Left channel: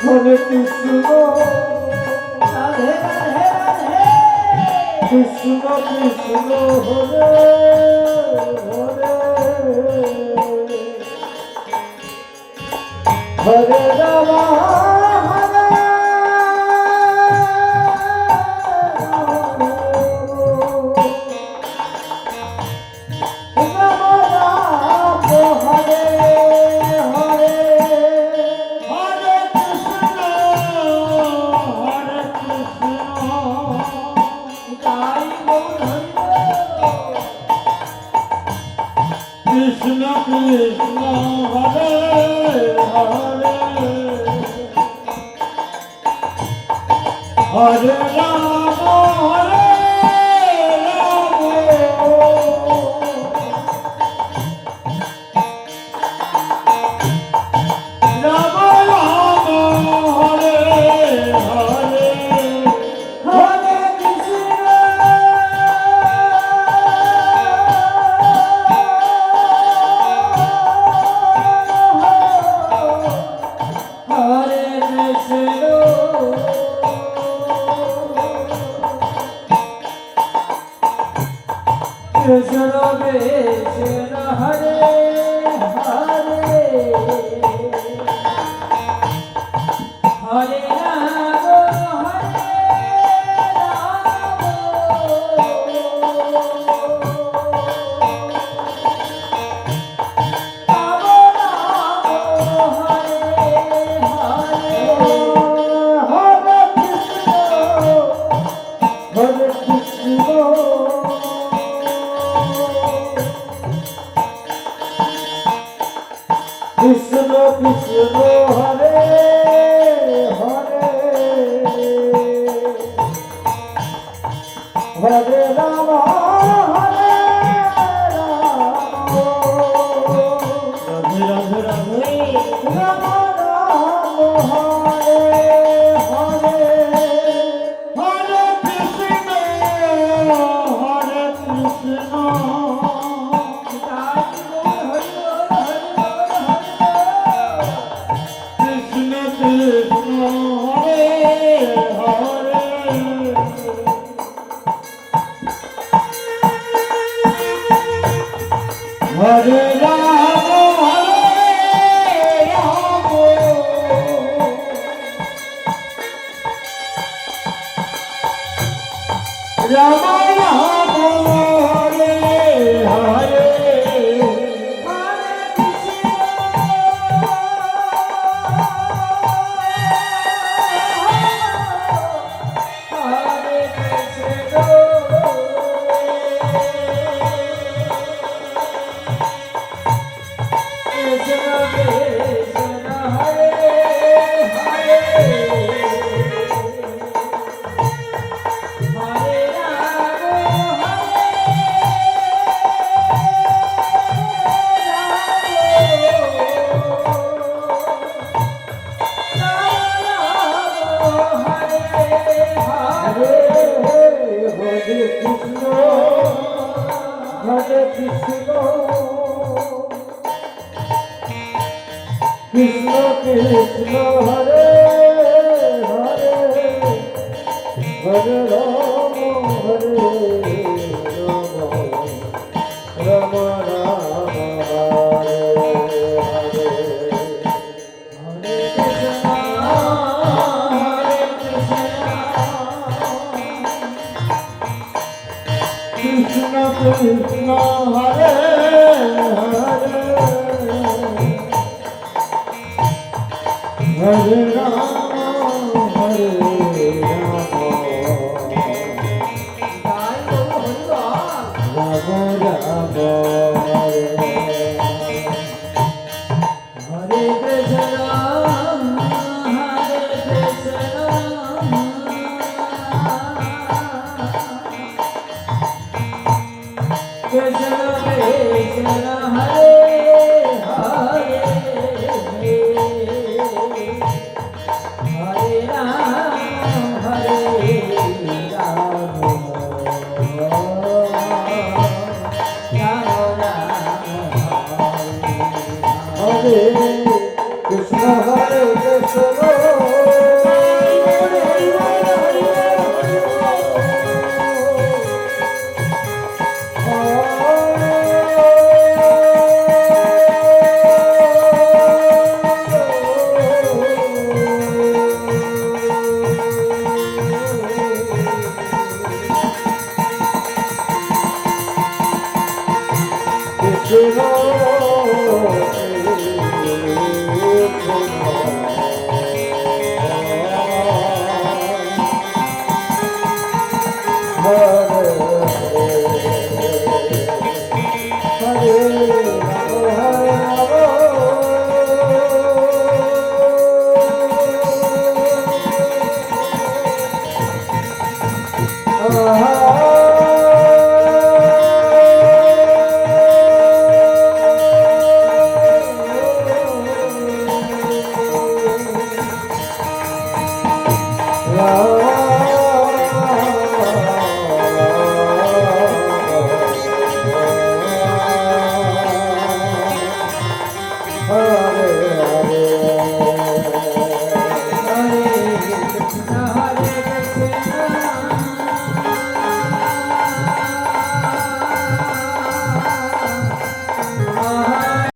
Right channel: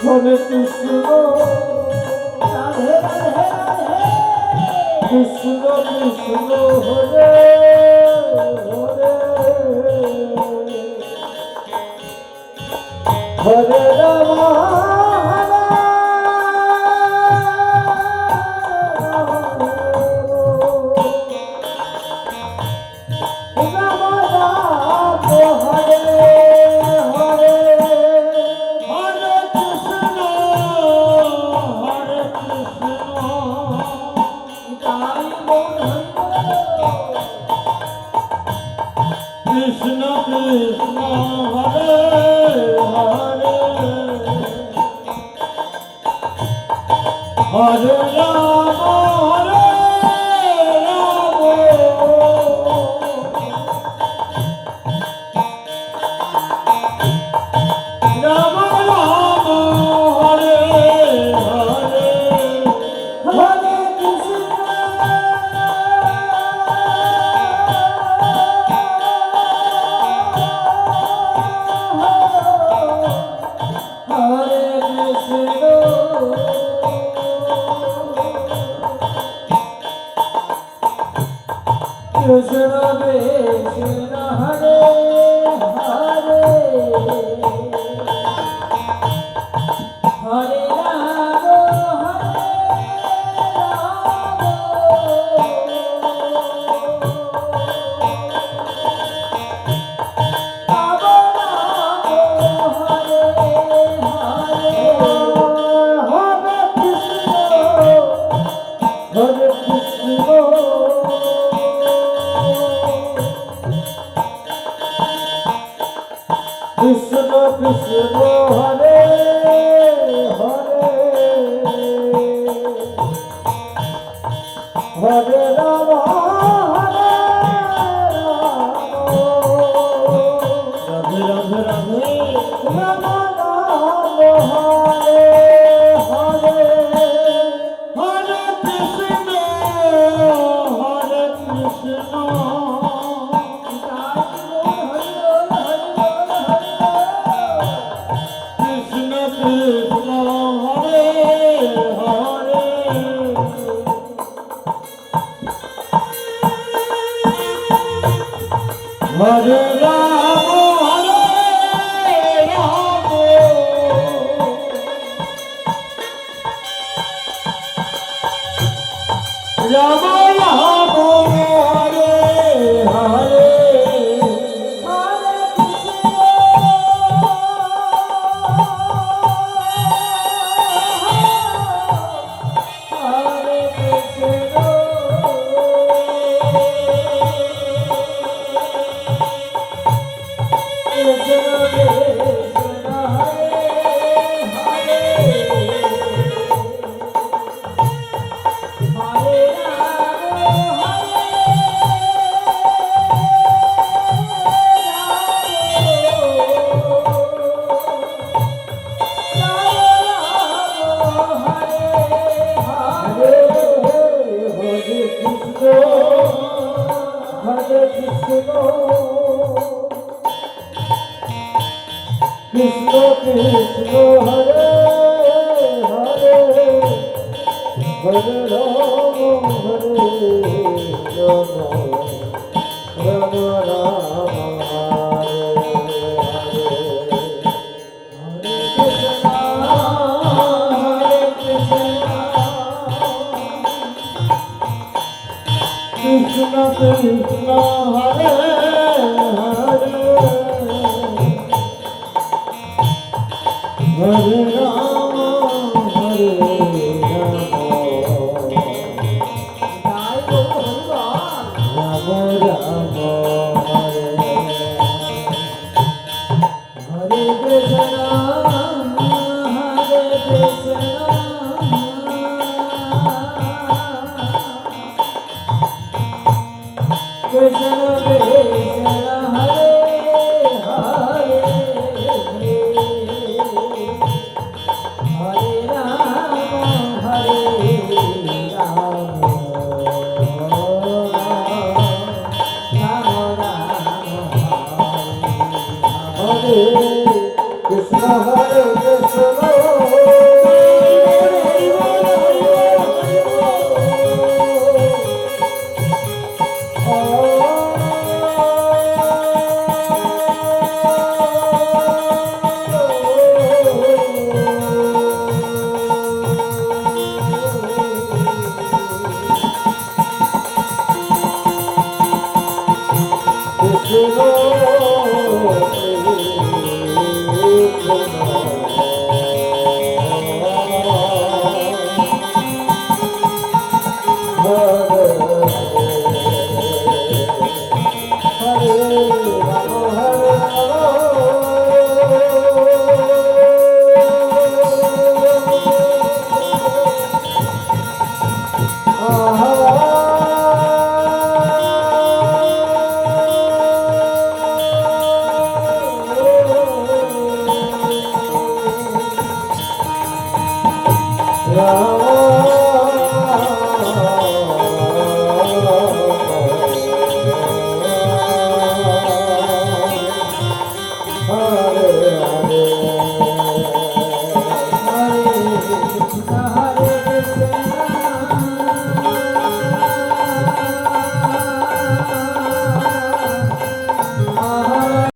Hare Krishna Radhe Radhe Radhe Krishna Krishna Hare Hare Hare Ram Krishna Krishna Hare Hare Hare Ram Hare Ram Ram Ram Hare Hare Hare Krishna Hare Krishna Krishna Krishna Hare Hare Hare Ram Hare Ram Ram Ram Hare Hare Hare Krishna Hare Krishna Krishna Krishna Hare Hare Hare Ram Hare Ram Radhe Radhe Radhe Ram Ram Hare Hare Hare Krishna Hare Krishna Krishna Krishna Hare Hare Hare Ram Hare Ram Ram Ram Hare Hare Hare Krishna Hare Krishna Krishna Krishna Hare Hare Hare Ram Hare Krishna Hare Krishna Krishna Krishna Hare Hare Hare Ram Hare Ram Ram Ram Hare Hare Hare Krishna Krishna Krishna Hare Hare Hare Ram Hare Ram Ram Ram Hare Hare Krishna Hare Krishna Krishna Krishna Ram